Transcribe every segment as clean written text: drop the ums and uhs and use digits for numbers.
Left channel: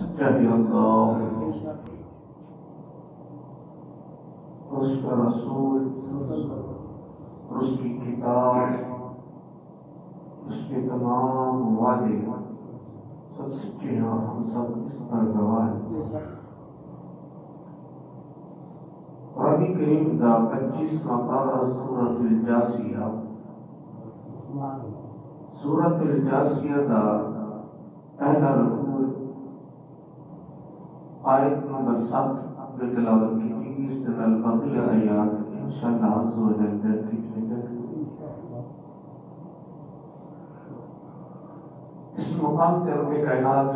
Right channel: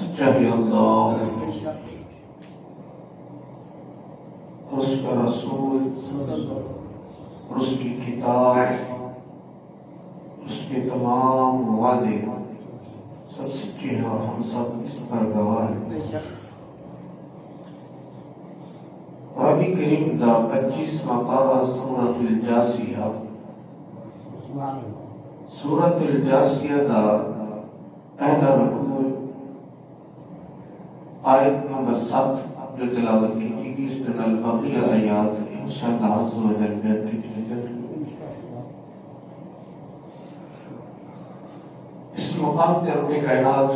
سچائی اللہ اور اس کا رسول اور اس کی کتاب اس کے تمام وعدے سب سچے ہیں اور ہم سب اس پر گواہ ہیں۔ قرآن کریم کا 25واں پارہ سورۃ الجاثیہ، سورۃ الجاثیہ کا پہلا رکوع آیت نمبر 7 جو تلاوت کی گئی، اس میں البقیہ آیات انشاءاللہ عز و جل بیان کی جائے۔ اس مقام کے رب کائنات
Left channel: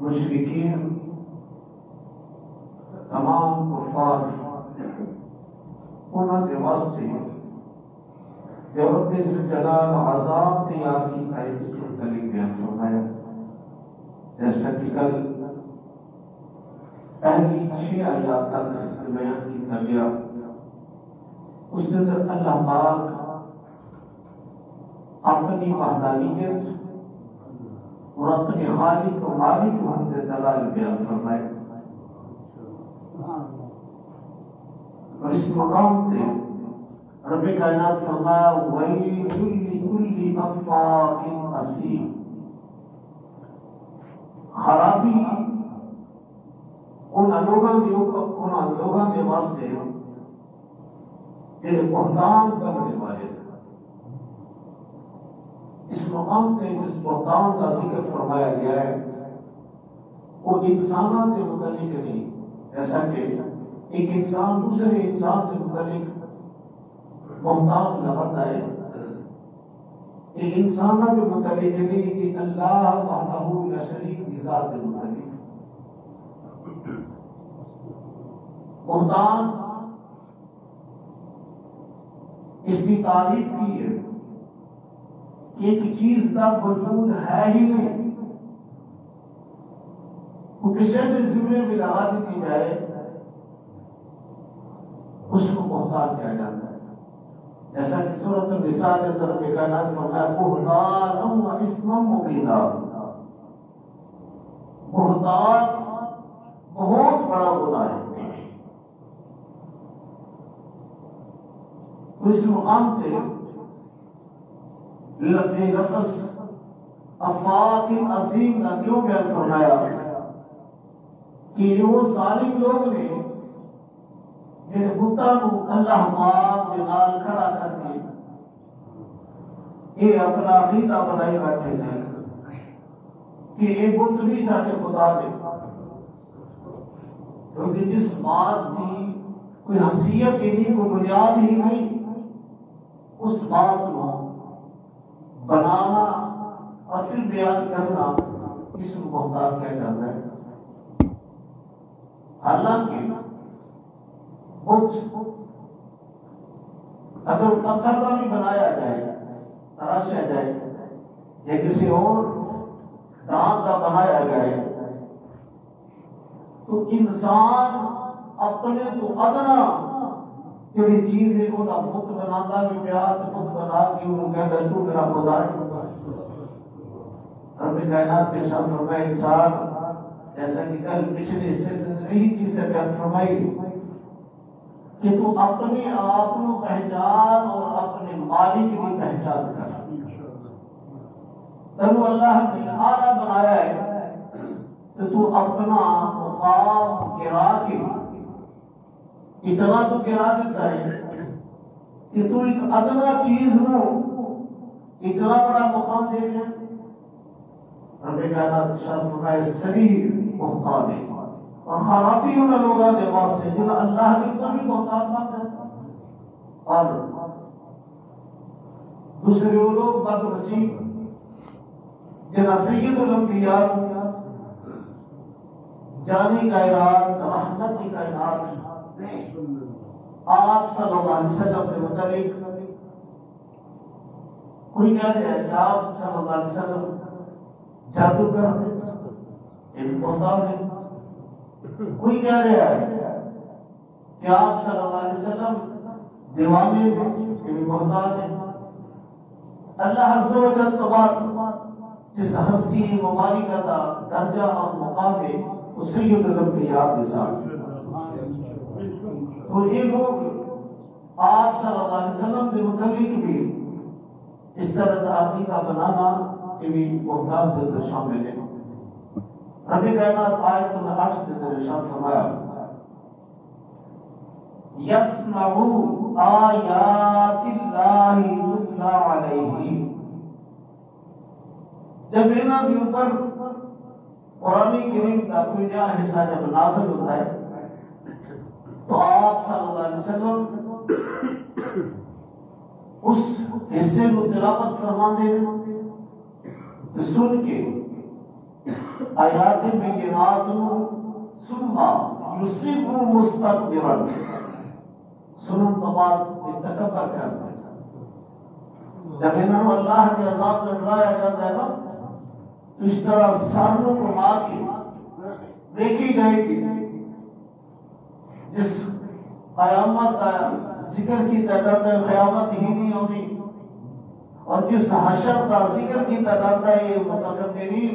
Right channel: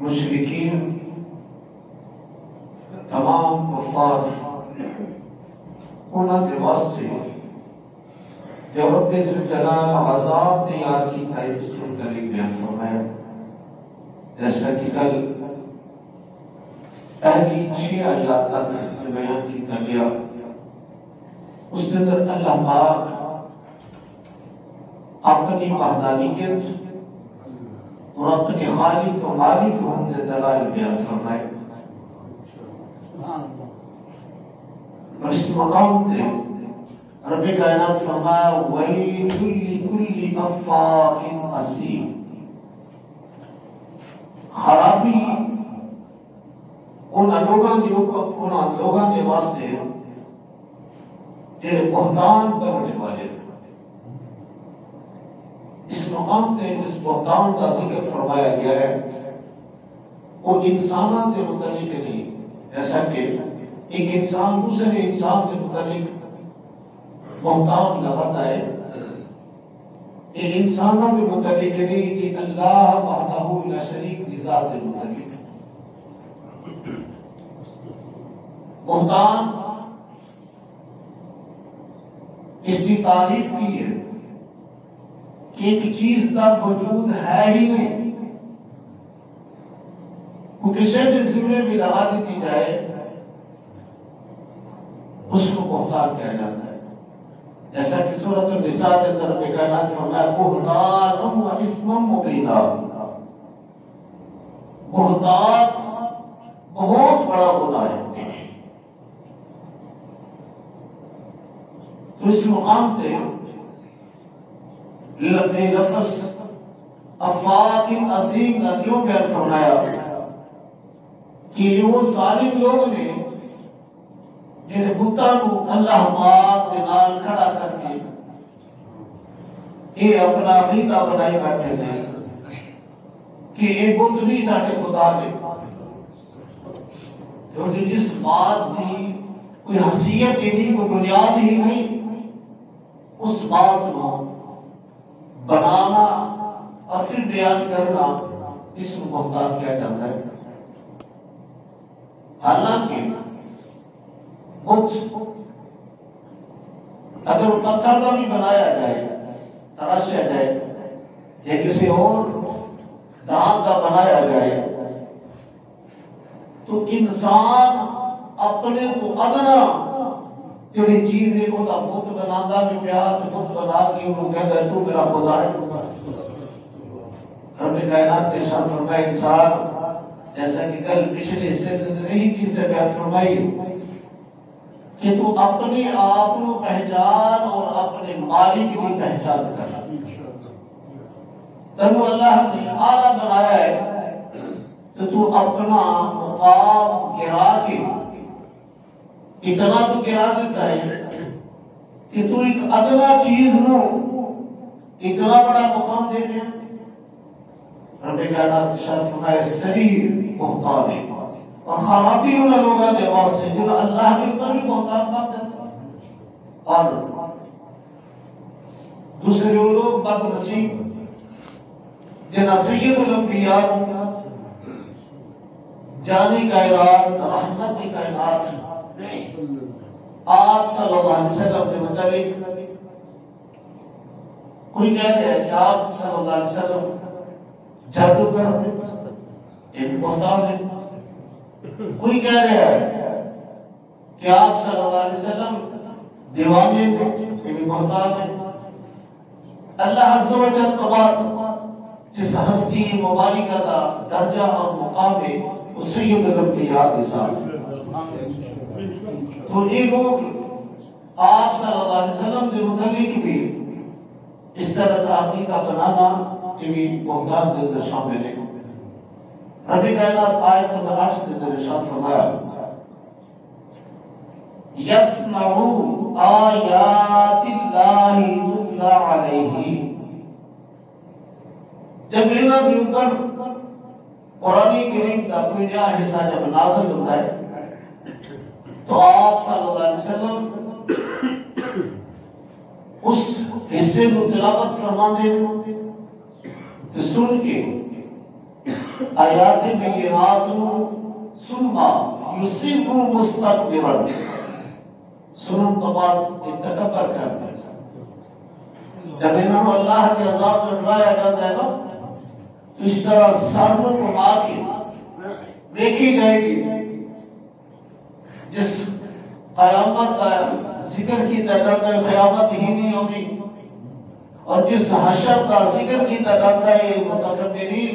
مشرکین تمام کفار انہوں کے واسطے جو رب ذوالجلال عذاب تیار کی ہے اس کے متعلق بیان فرمایا، جیسا کہ کل پہلی 6 آیات تک بیان کیا گیا۔ اس کے اندر اللہ پاک اپنی وحدانیت اور اپنے خالق و مالک ہونے کے دلائل بیان فرمائے، اور اس مقام پہ رب کائنات فرمایا وَيْلٌ لِكُلِّ أَفَّاكٍ أَثِيمٍ، خرابی ان لوگوں کے واسطے جنہیں بہتان کرنے والے۔ اس مقام پہ اس بہتان کا ذکر فرمایا گیا ہے، وہ انسانوں کے متعلق نہیں، ایسا کہ ایک انسان دوسرے انسان کے متعلق بہتان لگاتا ہے، یہ انسانوں کے متعلق نہیں، یہ اللہ وحدہ لا شریک کی ذات کے متعلق۔ بہتان اس کی تعریف کی ہے کہ ایک چیز کا وجود ہے ہی نہیں، وہ کسی کے ذمے بھی لگا دیتی جائے اس کو بہتان کہا جاتا ہے، جیسا کہ سورۃ النساء کے اندر رب کائنات فرمایا بہتان و اسم مبینا، بہتان بہت بڑا گناہ ہے۔ تو اس مقام پہ لفظ افاق عظیم کا کیوں بیان فرمایا کہ وہ ظالم لوگ نے جنہیں بتاں کو اللہ پاک کے نال کھڑا کر کے یہ اپنا عقیدہ بنائی بیٹھے ہیں کہ یہ بت نہیں ساڈے خدا نے، کیونکہ جس بات کی کوئی حیثیت ہی نہیں، کوئی بنیاد ہی نہیں، اس بات کو بنانا اور پھر بیان کرنا اس کو بہتان کہا جاتا ہے۔ حالانکہ بت اگر وہ پتھر کا بھی بنایا جائے، تراشا جائے، یا کسی اور دھات کا بنایا جائے، تو انسان اپنے کو ادنا جڑی چیز ہے وہ بت بناتا بھی پیار بت بنا کے وہ کہتا ہے تو میرا خدا ہے۔ رب کائنات نے ارشاد فرمایا انسان، جیسا کہ کل پچھلے حصے میں یہی چیز سے بیان فرمائی کہ تو اپنے آپ کو پہچان اور اپنے مالک کی پہچان کر۔ تنو اللہ نے اعلیٰ بنایا ہے تو اپنا مقام گرا کے اتنا تو گرا دیتا ہے کہ تو ایک ادنا چیز نو اتنا بڑا مقام دے دے۔ رب کائنات ارشاد فرمائے سریر بہتان ہے، اور خرابی ان لوگوں کے واسطے جو اللہ کے اوپر بھی بہتان باندھ دیتا، اور دوسرے وہ لوگ بد نصیب جنہاں سید الانبیاء جانی کائنات رحمت کی کائنات آپ صلی اللہ علیہ وسلم کے مطابق کوئی کہتے ہیں کہ آپ صلی اللہ علیہ وسلم جادوگر ایک بہتان ہے، کوئی کہہ رہا ہے کہ آپ صلی اللہ علیہ وسلم دیوانے ایک بہتان ہے، اللہ عز و جل تبارک جس ہستی مبارکہ کا درجہ اور مقام ہے اس سید الانبیاء کے ساتھ تو یہ لوگ آپ صلی اللہ علیہ وسلم کے متعلق بھی اس طرح آدمی کا بنانا یہ بھی بہتان کے اندر شامل ہے. رب کائنات آیت نمبر 8 کے اندر ارشاد فرمایا یسمعوا آیات اللہ تتلی علیہ. جب انہاں کے اوپر قرآن کریم کا کوئی نیا حصہ جب نازل ہوتا ہے تو آپ صلی اللہ علیہ وسلم اس حصے کو تلاوت فرماتے ہیں تو سن کے آیات بینات ثم یصب مستكبرا سنن تو بعد تکبر کرتا ہے. جب انہوں اللہ کے عذاب میں ڈرایا جاتا ہے نا تو اس طرح سانوں کو مار کے دیکھی جائے گی جس قیامت کا ذکر کی تعداد قیامت ہی نہیں ہوگی اور جس حشر کا ذکر کی تعداد ہے متکبرین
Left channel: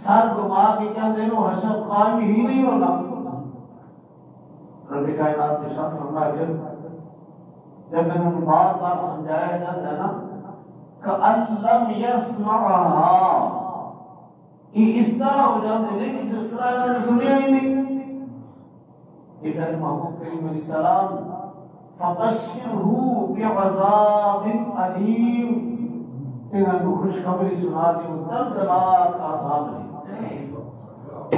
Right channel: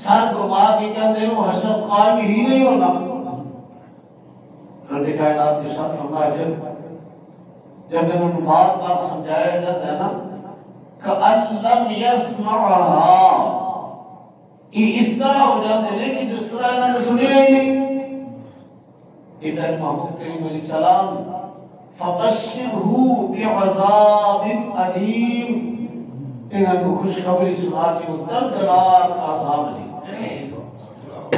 سر گھما کے کیا دے وہ حشر قائم ہی نہیں ہونا. رب کائنات کے ساتھ فرمایا پھر جب انہوں نے بار بار سمجھایا جاتا ہے نا کأن لم یسمعها یہ اس طرح ہو جاتے ہیں کہ جس طرح انہوں نے سنیا ہی نہیں. ابن محمود کریم علیہ السلام فبشرہ بعذاب علیم انہوں نے خوشخبری سنا دی وہ دردناک عذاب لی.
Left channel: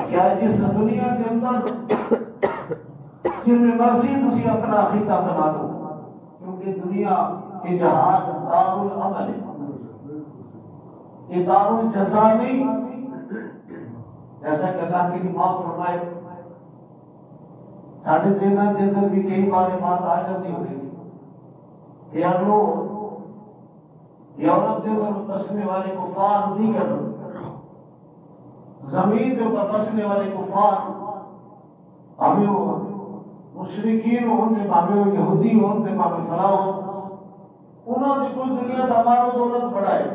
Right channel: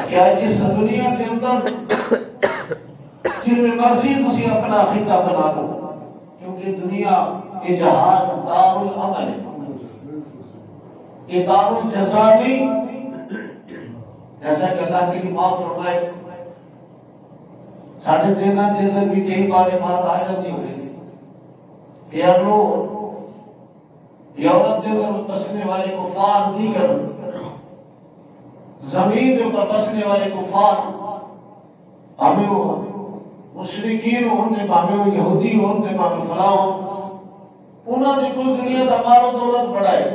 کیا جس دنیا کے اندر جن میں مرضی تسی اپنا خطہ بنا لو کیونکہ دنیا کے جہان دار العمل ہے یہ دار الجزا نہیں. جیسا کہ اللہ کی ماں فرمائے ساڑھے ذہنہ کے اندر بھی کئی بار بات آ جاتی ہوئی کہ یورپ کے اندر بسنے والے کفار دیگر زمین کے اوپر بسنے والے کفار ہمیں مشرکین ہوں نے ہمیں یہودی ہوں نے ہمیں فلاں ہوں انہوں نے کوئی دنیا کا مال و دولت بڑھائے.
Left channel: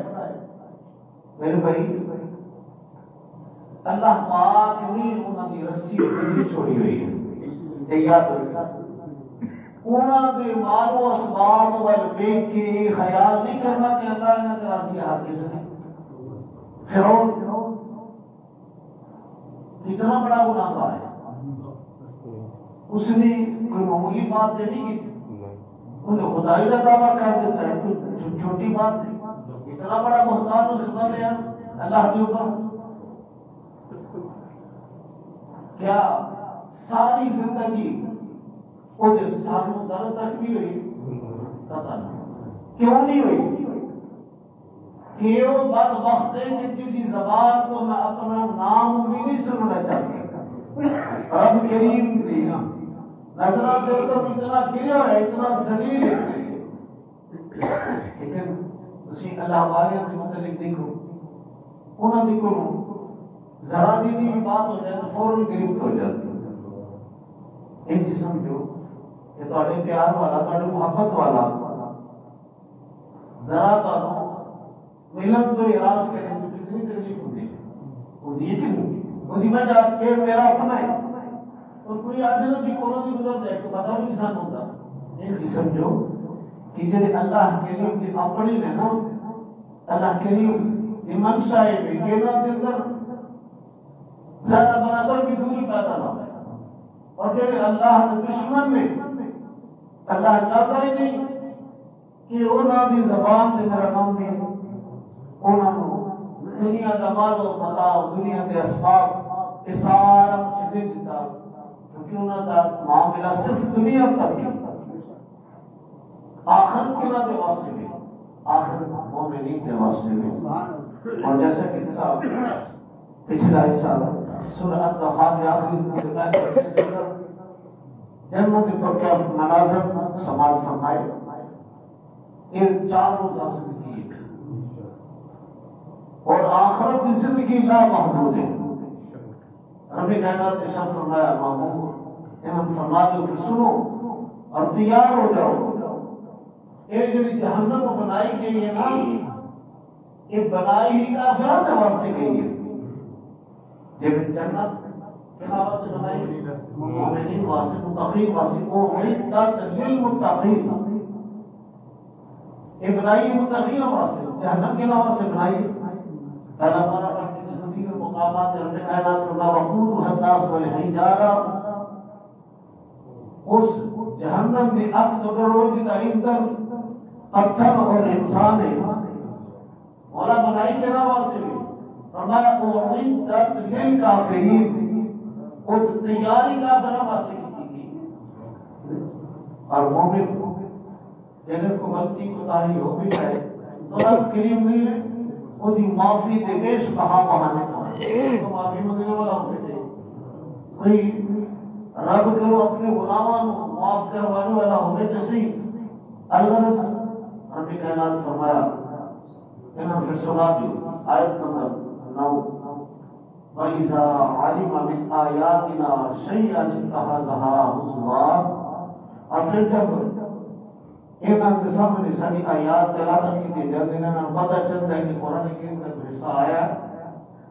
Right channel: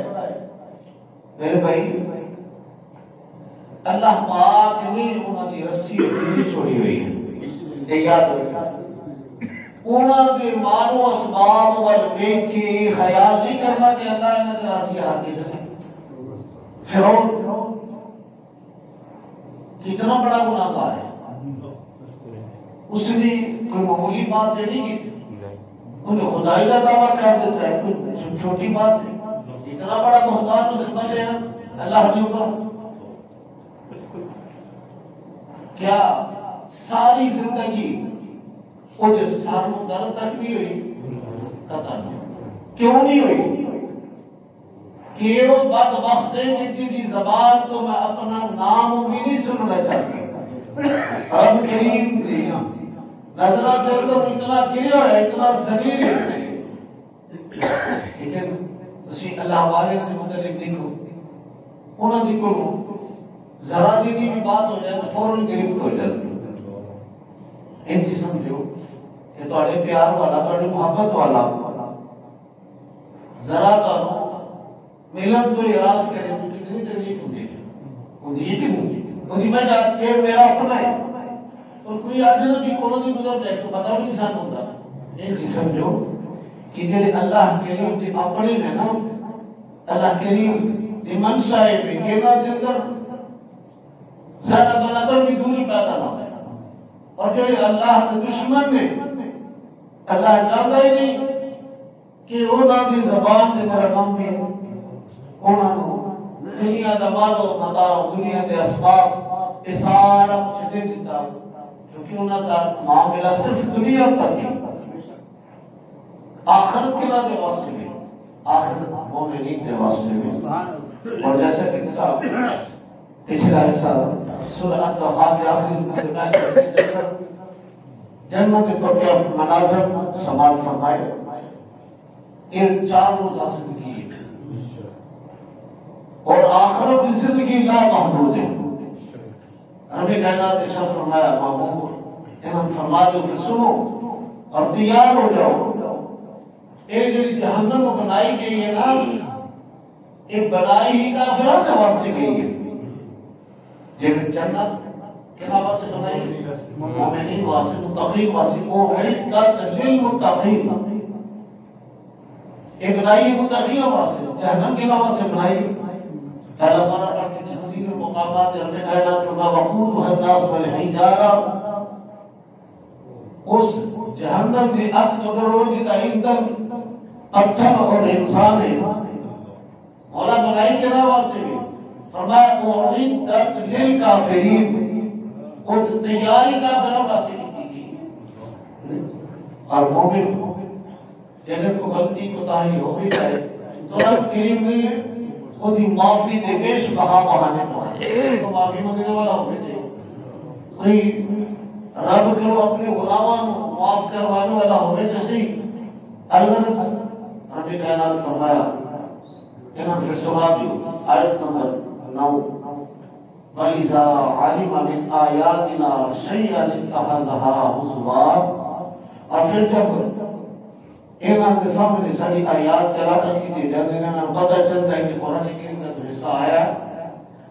میرے بھائی اللہ پاک نے انہوں نے رسی نہیں چھوڑی ہوئی ہے یہ یاد رکھنا. انہوں نے مال و اسباب وال بیگ کی خیال نہیں کرنا کہ اللہ نے راضی ہر کسی نے. فرعون کتنا بڑا گناہگار ہے. اس نے کوئی معمولی بات نہیں کی انہیں خدائی کا دعویٰ کر دیتا ہے کوئی چھوٹی بات نہیں. اتنا بڑا بہتان اس سے بنے ہیں اللہ کے اوپر. کیا ساری زندگی وہ جو ساروں درد تک بھی ہوئی قطع نہیں. کیوں نہیں ہوئی کہ وہ بدبخت ہے کہ تیری زبان تو میں اپنا نام بھی نہیں سننا چاہتا. رب کریم نظرات تو اتنا گریا ہے اتنا ذلیل ہے لیکن اسی اللہ والے کے متعلق دیکھو انہوں نے کو ذرا بھی بات ہو جائے تو فوراً گرفت ہو جاتی. ان کی سمجھو کہ تھوڑے پیار والا تھوڑے محبت والا ذرا تو ملن تو اراض کرے تو کتنی تکلیف ہوتی ہے کہ نہیں ہوتی. میں جاتا کہ میرا اپنا ہے اور کوئی اجنبی کولوں دی گزر جائے تو پتہ نہیں سان ہوتا. ان کی سمجھو کہ جڑے اللہ کریم دی اپنے نے نا اللہ کریم دی منشا ہے کہ کہنا دے اندر ذرا برابر بھی دوری پیدا نہ ہو. اور جڑے اللہ کے دشمن نے اللہ چاہتا ہی نہیں کہ انہاں دی زبان تے میرا نام بھی ہے. انہاں کو دنیا دا مال و متاع دنیا دے اسباب یہ سارا کچھ دے دیتا کیونکہ انہاں دا معاملہ صرف دنیا تک ہے. آخرت کے نہ دے واسطے میں آخرت مومنین دے واسطے میں. اور جیسا کہ صاحب پچھلا حصہ سورہ الطحاق کے آخری میں جنت پر کے مناظر سماعت فرمائے. یہ 4 روزہ زندگی ہے اور آخرت کی زندگی لا محدود ہے. رب کائنات نے ارشاد فرمایا محبوب انہوں فرما دو پھر سنو اور تیار ہو جاؤ. ایک جو جہنم کو بنائی گئی ہے نا ایک بنائی ہی کافران کے واسطے گئی ہے، لیکن جنت کے نام سے بنائی مومنین واسطے، متقین واسطے، وہ عدت للمتقین، ایک بنائی متقین واسطے، جہنم کے نام سے بنائی پہلا بارہ پڑھتے ہیں حدیث المقامات رب کائنات فرما وقودها الناس والحجارہ، اس جہنم کی آگ تو روز کا ایندھن پتھر اور انسان ہے، مولا بنائی کے نام سے بھی فرمایا اعدت للکافرین، وہ تیاری کافروں واسطے کی گئی، اور مومن اگر کو غلطی کوتاہی ہو بھی جائے تو رب کریم نے وہ دی معافی دے بیش بہا بہانے پڑھائے، تو معافی مانگنے والا ہو بھی جائے، کوئی رب کرو اپنے غلامان معاف کروانے والا ہو بھی جیسے الغرض رب کائنات فرمایا انہاں پھر سوابی آیت نمبر 9 وَإِذَا عَلِمَ مِنْ آيَاتِنَا شَيْئًا اتَّخَذَهَا هُزُوًا، اور پھر جب ایمان کے سامنے ساری آیات تلاوت کی تھی جب انہیں پتہ چلتا ہے کہ قرآن کریم کا جو حصہ آیا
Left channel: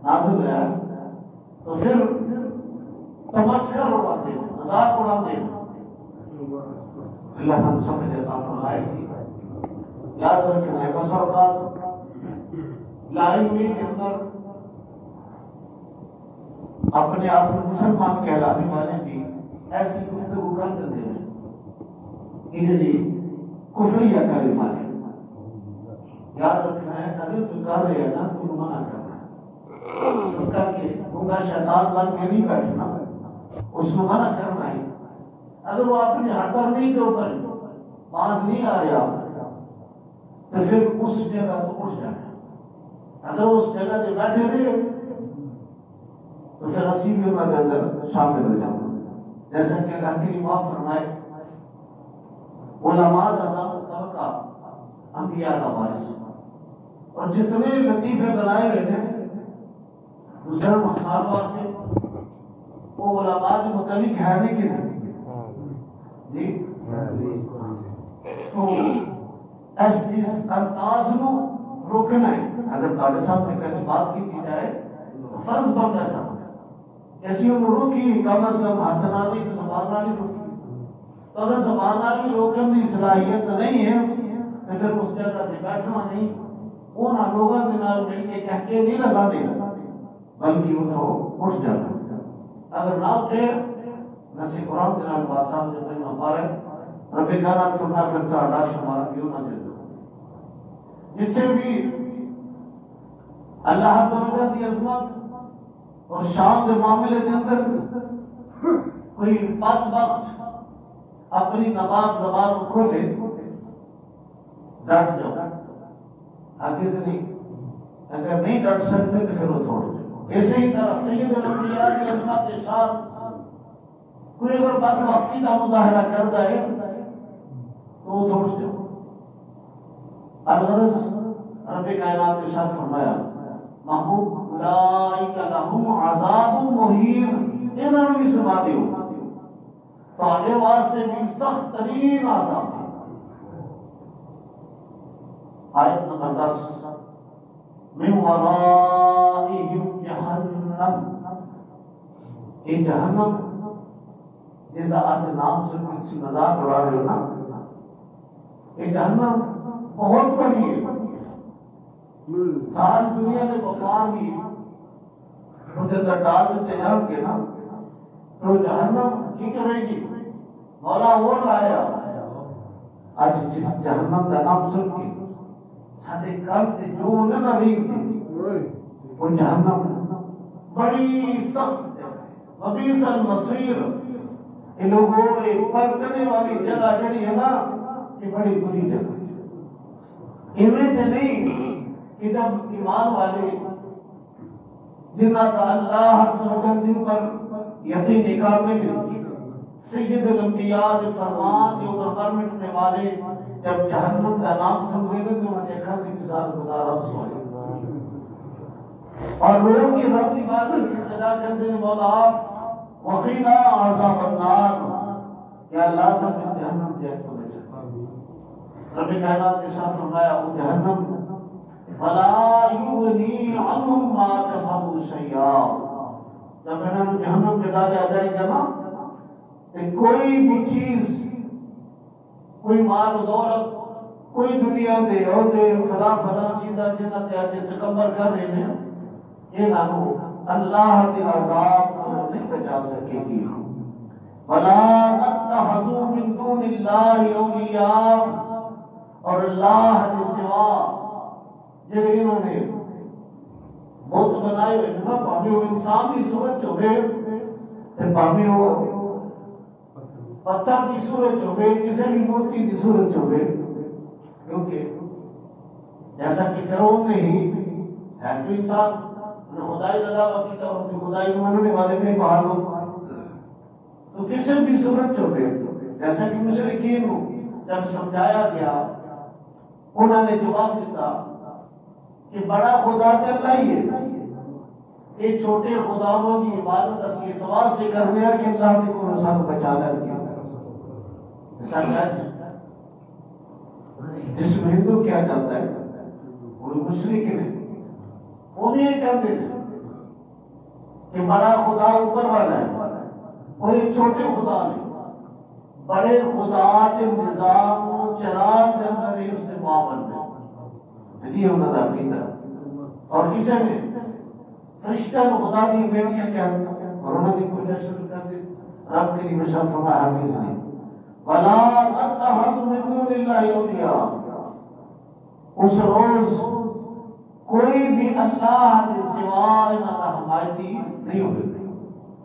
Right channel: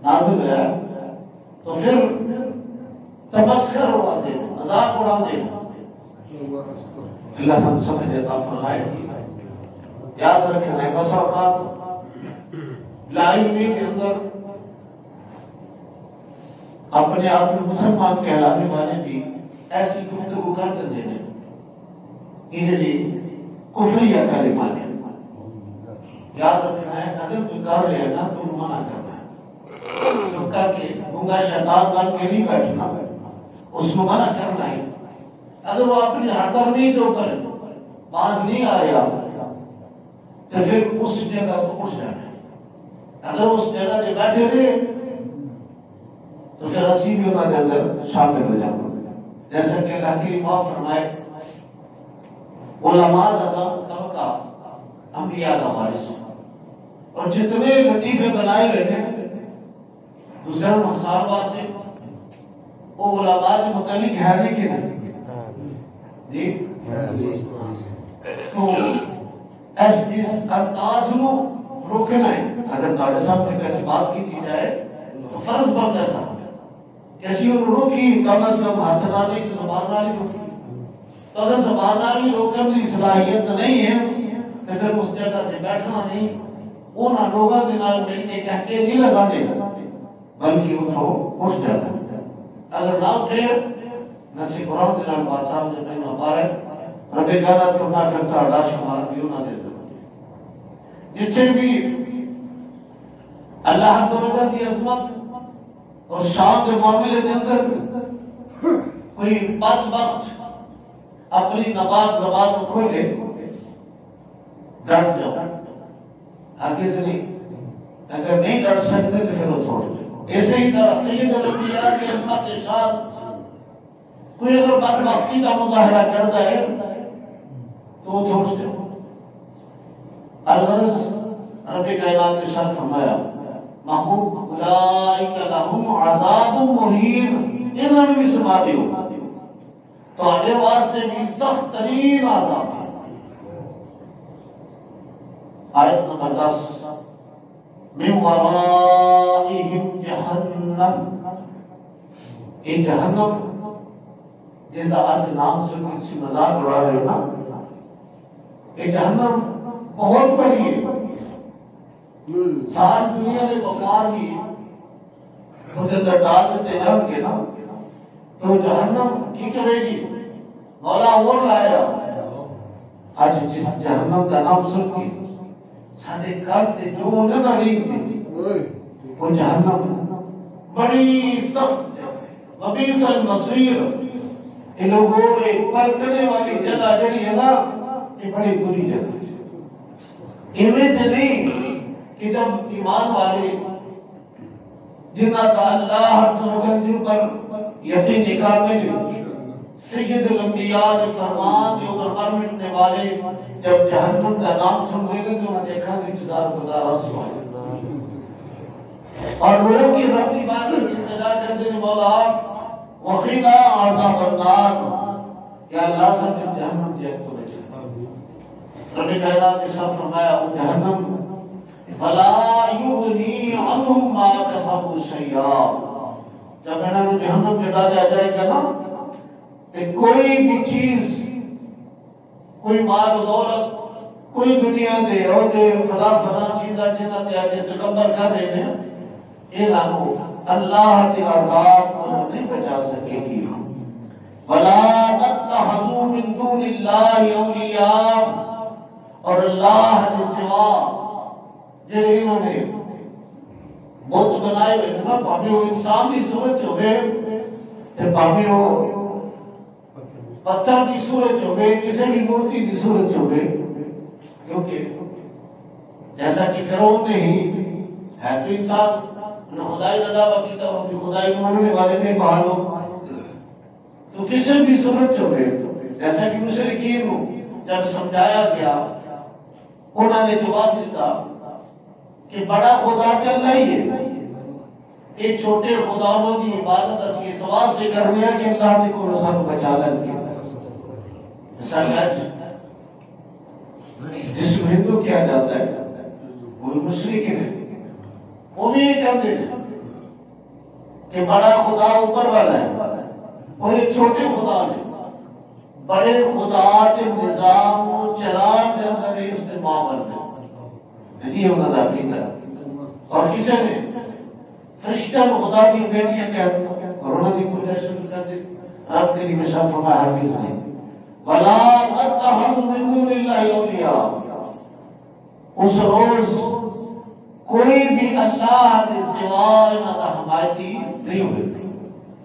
نازل ہے تو پھر تمسخر اڑا دے، مذاق اڑا دے، اللہ ہم سمجھ عطا فرمائے۔ یاد رکھیں بس اوقات لا علمی کے اندر اپنے آپ کو مسلمان کہلانے والے بھی ایسی گفتگو کر دیتے ہیں انہیں کفریہ کلمات ہے، یاد رکھنا ہے اگر تو کر لے نا تو منع کرنا ہے، سب کر کے گنگا شیطان بن کے نہیں بیٹھنا، اس کو منع کرنا ہے، اگر وہ اپنی ہڑتر نہیں جو کرے باز نہیں آ رہا تو پھر اس جگہ تو اٹھ جانا ہے، اگر اس جگہ سے بیٹھے ہوئے تو پھر اسی بھی انہوں نے اندر شامل ہو جانا، جیسا کہ اللہ کی معاف فرمائے علماء کا طبقہ انبیاء کا وارث، اور جتنے لطیفے بنائے ہوئے ہیں دوسرے مخصار واسطے وہ علماء کے متعلق ہے نہیں کہ نہیں جی، تو اس انداز کو روکنا ہے، اگر تاڑے صاحب نے کیسی بات کی جائے تو فرض بنتا ہے کیسی انہوں روکی کم از کم ہاتھ نالی کی زبان نالی روکی، تو اگر زبان نالی روکن کی صلاحیت نہیں ہے تو پھر اس جگہ سے بیٹھنا نہیں، انہاں لوگوں کے نال مل کے کہہ کے نہیں لگا دے بلکہ اٹھو اٹھ جانا، اگر نہ اٹھے نسی قرآن کے نال بات صاحب جب میں مبارک رب کہنا فرما پھرتا اڈا شمار بھی نہ دے دو، جتنے بھی اللہ سبحانہ کی عظمت اور شان کے معاملے کے اندر کوئی بدبخت اپنی نبات زبان کو کھولے ڈٹ جاؤ، آگے سے نہیں، اگر نہیں ڈٹ سکتے تو پھر وہ چھوڑ جاؤ، ایسے ہی طرح سید الانبیاء کی عظمت شان کوئی اگر بدبختی کا مظاہرہ کر جائے تو وہ چھوڑ جاؤ، الغرض رب کائنات نے شان فرمایا محبوب اولئک لہم عذاب مہین، انہوں نے بھی سنا دیو تو آنے واسطے بھی سخت ترین عذاب ہے۔ آیت نمبر 10 من ورائہم جہنم، یہ جہنم جس دا آج نام سے کسی مذاق اڑا رہے ہو نا، یہ جہنم بہت بڑی ہے، ساری دنیا نے کفار بھی خود اندر ڈال دیتے جان کے نا، تو جہنم کی کرے گی مولا وہ لایا، آج جس جہنم کا نام سن کے سارے کرتے جو نہ رینگ تھی وہ جہنم بڑی سخت ہے، وبئس المصیر، ان لوگوں ایک پلٹنے والی جگہ جڑی ہے نا یہ بڑی بری جگہ ہے، ایویں تے نہیں کہ جب ایمان والے جنہ کا اللہ عز و جل پر یقین کامل سید الانبیاء کے فرمان کے اوپر مر مٹنے والے جب جہنم کا نام سن رہے تھے تو انہیں دیکھا کہ انتظار گزارا سوائے اور وہ کی رب کی بات کی انتظار کرتے ہیں مولا وقینا عذاب النار، یا اللہ سب اس جہنم کی ایک تو بچے، رب کائنات نے شاہ فرمایا وہ جہنم ولا یغنی عنہم ما کسبوا شیئا. جب انہوں نے جہنم میں ڈالا جائے گا نا کہ کوئی بھی چیز، کوئی مال و دولت، کوئی دنیا دے عہدے فلاں چیزاں جنہاں تے آگے تکبر کر رہے ہیں، انہوں اللہ کے عذاب کو نہیں بچا سکے گی. وَلَا تَتَّخِذُوا مِن دُونِ اللَّهِ أَوْلِيَاءَ، اور اللہ کے سوا جڑے انہوں نے بت بنائے ہوئے نا، پاویں وہ انسان کی صورت ہوئے تے پاویں وہ پتھر کی صورت ہوئے، کسی بھی مورتی کی صورت ہوئے، کیونکہ جیسا کہ فرعون نے ہی ہے تو انسان خدائی کا دعویٰ کیتا، ان کی خدائی کو ماننے والے تھے باہر لوگ، تو کسی بھی صورت ہوئے جیسا کہ مشرکین کو جب سمجھایا گیا انہوں نے جواب دیتا کہ بڑا خدا تو اللہ ہی ہے، یہ چھوٹے خداؤں کی عبادت اس کے سوال سے کرنے ہیں کہ اللہ نے کو سب بچا لیں گے. جس کو ہندو کیا جاتا ہے وہ مشرک ہے، وہ بھی یہ کہتے ہیں کہ بڑا خدا اوپر والا ہے اور یہ چھوٹے خدا نے بڑے خدا کے نظام کو چلان کے اندر ہی اس نے معامل میں یہ انہوں نے عقیدہ. اور کسی نے فرشتہ خدا کی بیٹیاں کہتے ہیں اور انہوں نے کوئی شروع کر دی، رب کے لیے شاہ فرمایا ہرگز نہیں. وَلَا تَتَّخِذُوا مِن دُونِ اللَّهِ أَوْلِيَاءَ، اس روز کوئی بھی اللہ کے سوا نہ حمایتی نہیں ہوئے.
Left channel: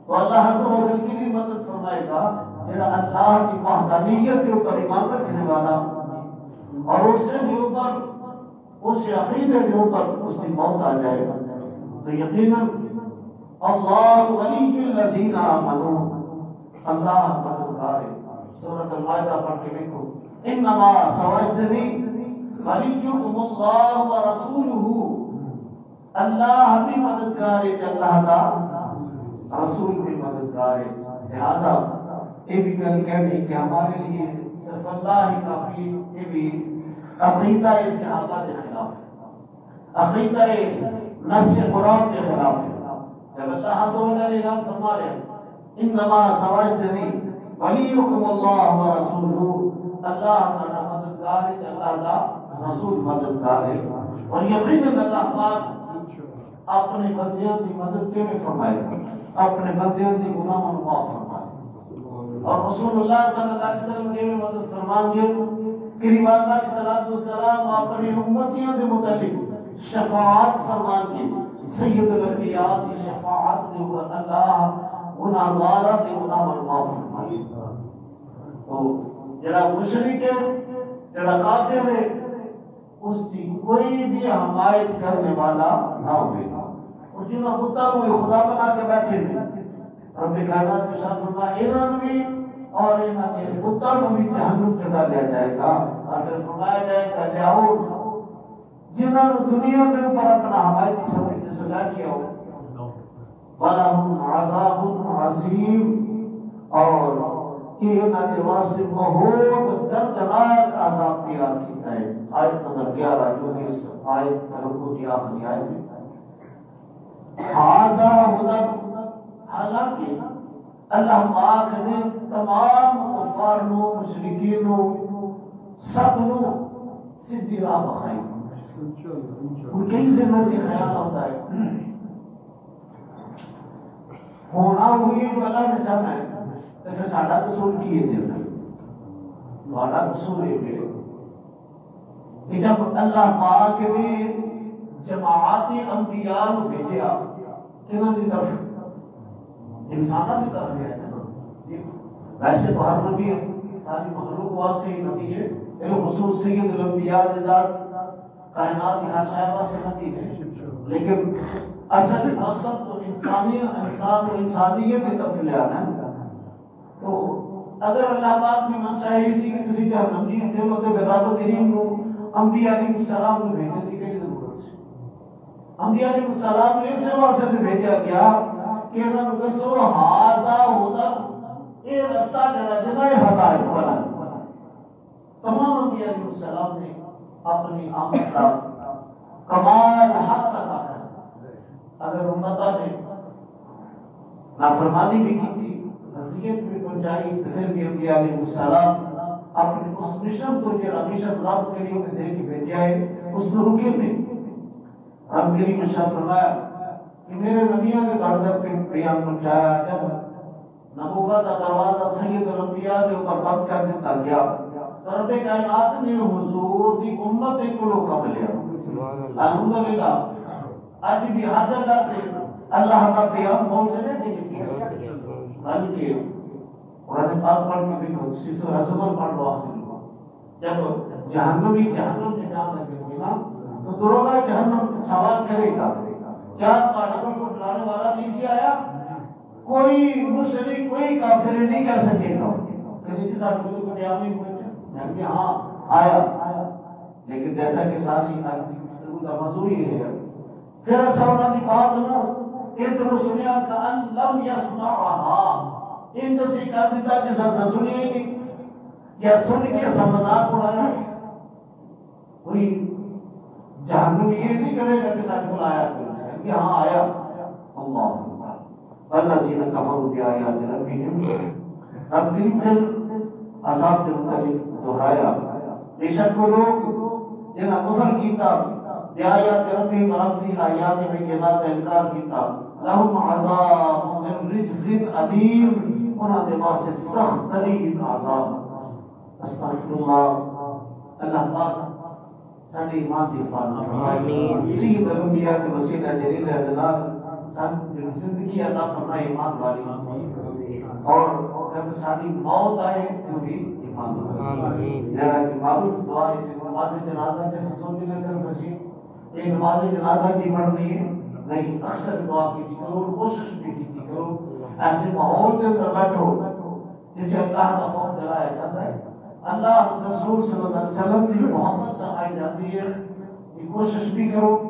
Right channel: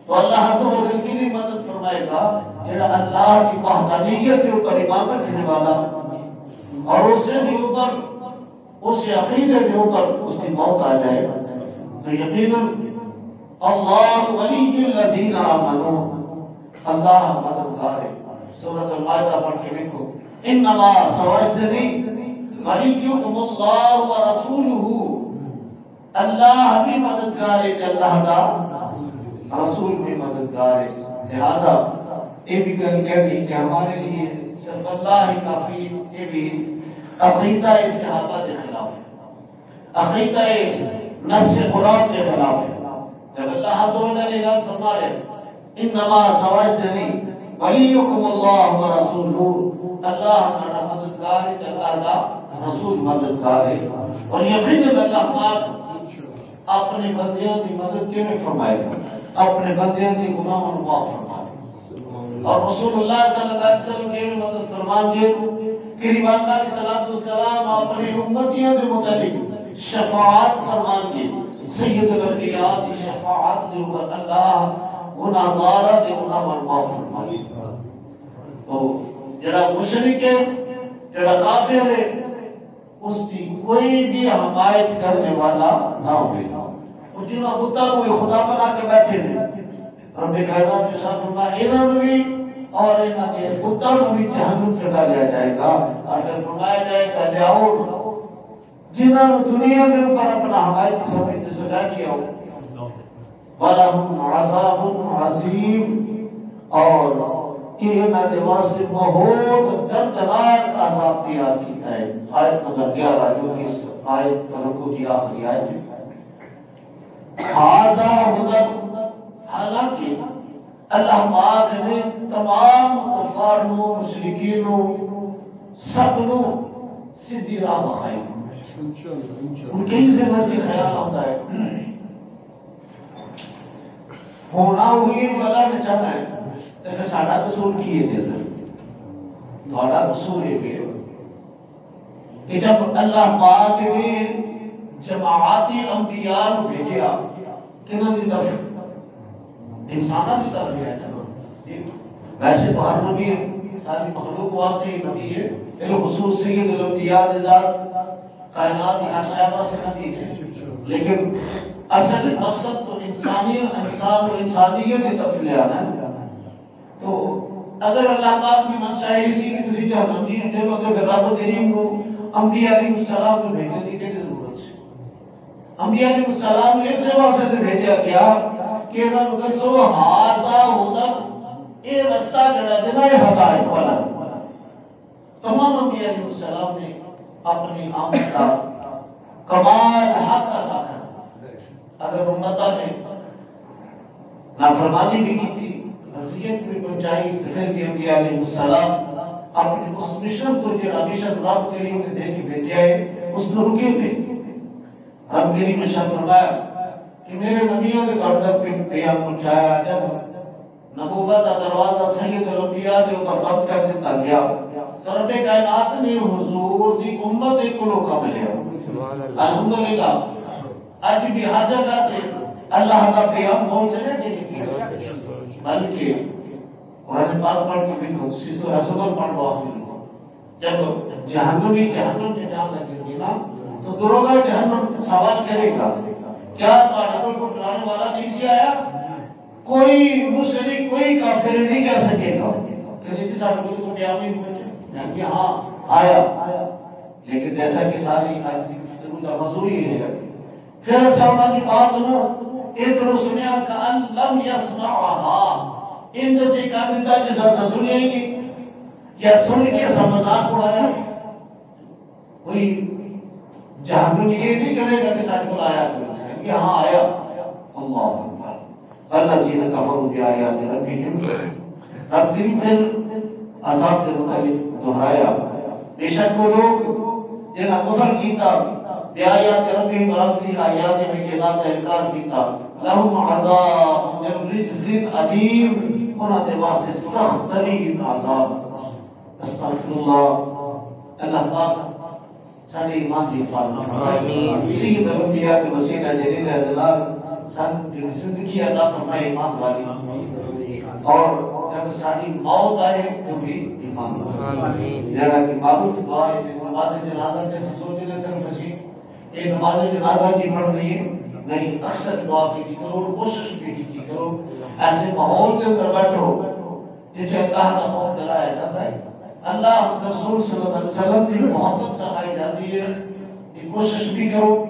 تو اللہ عز و جل کی بھی مدد فرمائے گا جڑا اللہ کی وحدانیت کے اوپر ایمان رکھنے والا اور اس سے بھی اوپر اس عقیدے کے اوپر اس کی موت آ جائے تو یقیناً اللہ ولی الذین آمنوا، اللہ مددگار ہے. سورۃ المائدہ پڑھ کے دیکھو، انما سوائے ولیکم اللہ ورسولہ، اللہ بھی مددگار ہے، اللہ کا رسول بھی مددگار ہے. لہذا یہ بھی گل کہنی کہ ہمارے لیے صرف اللہ ہی کافی، یہ بھی عقیدہ صحابہ کے خلاف ہے، عقیدہ نص قرآن کے خلاف ہے. جب اللہ عز و جل اعلان فرما رہے انما سوائے ولیکم اللہ ورسولہ، اللہ ہمارا مددگار ہے، اللہ کا رسول مددگار ہے. اور یقیناً اللہ پاک اپنے بندیوں کی مدد کیوں نہیں فرمائے گا، اپنے بندیوں کی گناہوں کو معاف فرمائے گا. اور رسول اللہ صلی اللہ علیہ وسلم کی مدد فرمان گے کہ نبی علیہ الصلوۃ والسلام اپنی امتیوں کے متعلق شفاعت فرمان گے. سید الانبیاء کی شفاعت کے اوپر اللہ گناہگاراں دے گناہ معاف فرمائے گا. تو جڑا مشرک ہے، جڑا کافر ہے، اس کی کوئی بھی حمایت کرنے والا نہ ہوئے گا. اور جنہوں بتا کو خدا بنا کے بیٹھے ہیں، رب کائنات نے صاف فرمایا انہوں بھی اور انہوں نے بتا کو بھی جہنم سے ڈالا جائے گا. اور پھر فرمایا جائے گا لیاؤ جنہوں نے دنیا کے اوپر اپنا حمایت سمجھ سجا کیا ہو، وَلَهُمْ عَذَابٌ عَظِيمٌ، اور یہ انہوں نے واسطے بہت دردناک عذاب تیار کیتا ہے. آیت نمبر 11 جو اس آیت کا رکو کی آخری آیت ہے. حاذا ہدی، حالانکہ اللہ پاک نے تمام کفار نو، مشرکین نو، سب نو سیدھی راہ بخائی. ان کی زندگی خیال ہوتا ہے ہونا ہوئی جو اللہ نے چاہنا ہے تو پھر ساڑھا قصور کی یہ دل ہے. بڑا قصور یہ بھی کہ جب اللہ پاک نے جماعتی انبیاء بھیجا کنہ دی طرف، انسانہ دی طرف ہے نا. ویسے باہر نبی ہے، ساری مخلوق واسطے ہی نبی ہے، لیکن خصوص سید الانبیاء ذات کائنات ہر شے واسطے نبی ہے. لیکن اصل مقصد تو انسان و انسانیت کی طرف لے آنا ہے. تو اگر اللہ پاک کی منشا ہے اسی کی تسی جہنم جی دے لو تو رب کریم کو انبیاء علیہ السلام کو بھیجنے کی ضرورت ہے. انبیاء علیہ السلام کو اس واسطے بھیجا گیا کہ انہوں نے دسو ھذا ھدی، یہ رستہ جڑا جنا ہے ہدایت والا. تمام انبیاء علیہ السلام نے اپنی آمد کا کمال حق ادا کر، اگر امتہ نے نافرمانی بھی کی تھی، اذیت بھی پہنچائی، تو پھر بھی انبیاء علیہ السلام اپنے اس مشن تو جو مشن رب کریم نے دے کے بھیجا ہے اس نے رکے نہیں۔ رب کریم نے شاہ فرمایا کہ میرے نبیوں نے گردن پہ پیام پہنچایا، جب نبوت کا دروازہ سید الانبیاء کے اوپر بند کر دیتا گیا تو رب کائنات نے حضور دی امت کو لوکا ملیا۔ الحمدللہ آج بھی ہر جگہ تے اللہ کا پیغام پہنچنے کے لیے، بلکہ قرآن پاک پڑھ کے بھی قدسی سورہ زمر پڑھ واقعی جب جہنمی جہنم سے جان لگے گی نا تو دروغہ جہنم سوال کرے گا، کیا تو کو ڈرانے والا نہیں سی آیا؟ کوئی مشرک کوئی کافر نہیں کہہ سکے گا کہ جی سارے کو تو قیام نہیں پہنچے، کہ ہاں آیا۔ لیکن جیسا کہ ساری آج کی گفتگو کا موضوع یہ ہے، پھر ایسا ہونا کی بات ہو اتر سنیا کا لم یسمعها، ان جیسے کر دیتا کہ سر سنیا ہی نہیں، یا سن کے ایسا مذاق اڑایا۔ کوئی جہنم یہ نہیں کرے گا کہ سارے کو آیا کوئی، کہ ہاں آیا۔ اللہ اکبر، الذین کفروا بآیات ربہم، رب نے پھر عذاب کے متعلق دہرایا، بے شک وہ لوگ جنہاں کفر کیتا بآیات ربہم، رب کی آیات بینات کا انکار کیتا، لہم عذاب من رجز علیم، انہاں دے واسطے سخت ترین عذاب۔ استغفر اللہ، اللہ پاک ساڑھے ایمان کی حفاظت فرمائے، سید الانبیاء کے وسیلہ جلیل جلال سن جو زندگی عطا فرمائے ایمان والی، اور جب ساڑھی موت آئے تو بھی ایمان والی۔ جیسا کہ معروف دعا ہے کہ نماز جنازہ جیسے سوچنے صرف اسی ایک نماز جنازہ کی پڑھ رہی ہے نہیں، اکثر دعا کی کرو، کوشش بھی کی کرو، ایسے ماحول کے اندر بیٹھو جسے اللہ کا خوف دلایا جاتا ہے، اللہ رسول صلی اللہ علیہ وسلم کی محبت سکھائی جاتی ہے، یہ کوشش بھی کرو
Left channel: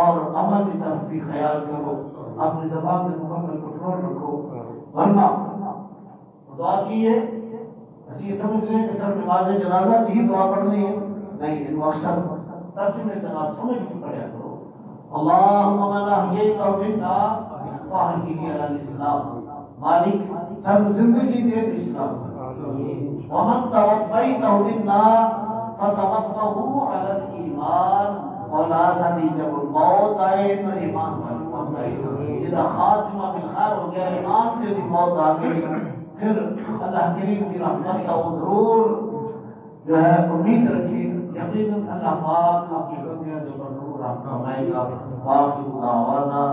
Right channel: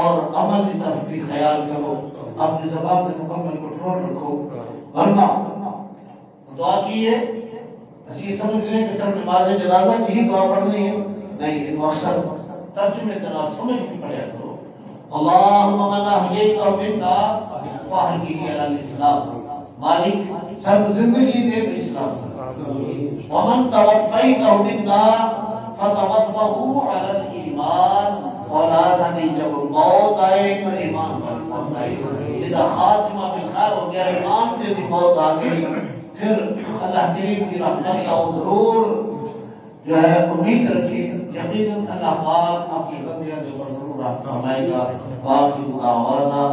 اور عمل کی طرف بھی خیال کرو، اپنی زبان میں مکمل کنٹرول رکھو، ورنہ دعا کی ہے بس یہ سمجھ لیں کہ صرف نماز جنازہ کی ہی دعا پڑھنی ہے نہیں، ان مقصد ترجمے تنال سمجھ کے پڑھیا کرو۔ اللہم من احییتہ منا فاحیہ علی الاسلام، مالک سب زندگی دے اسلام، ومن توفیتہ منا فتوفہ علی الایمان، مولا ساڑھی جب موت آئے تو ایمان پر موت آئے، جدہ خاتمہ بالخیر ہو گیا ایمان پہ بھی موت آگئی، پھر اللہ کریم کی رحمت کا ضرور جو ہے امید رکھی، یقیناً اللہ پاک اپنے بندیاں جو پر ضرور رحمت فرمائے گا۔ باقی دعوانا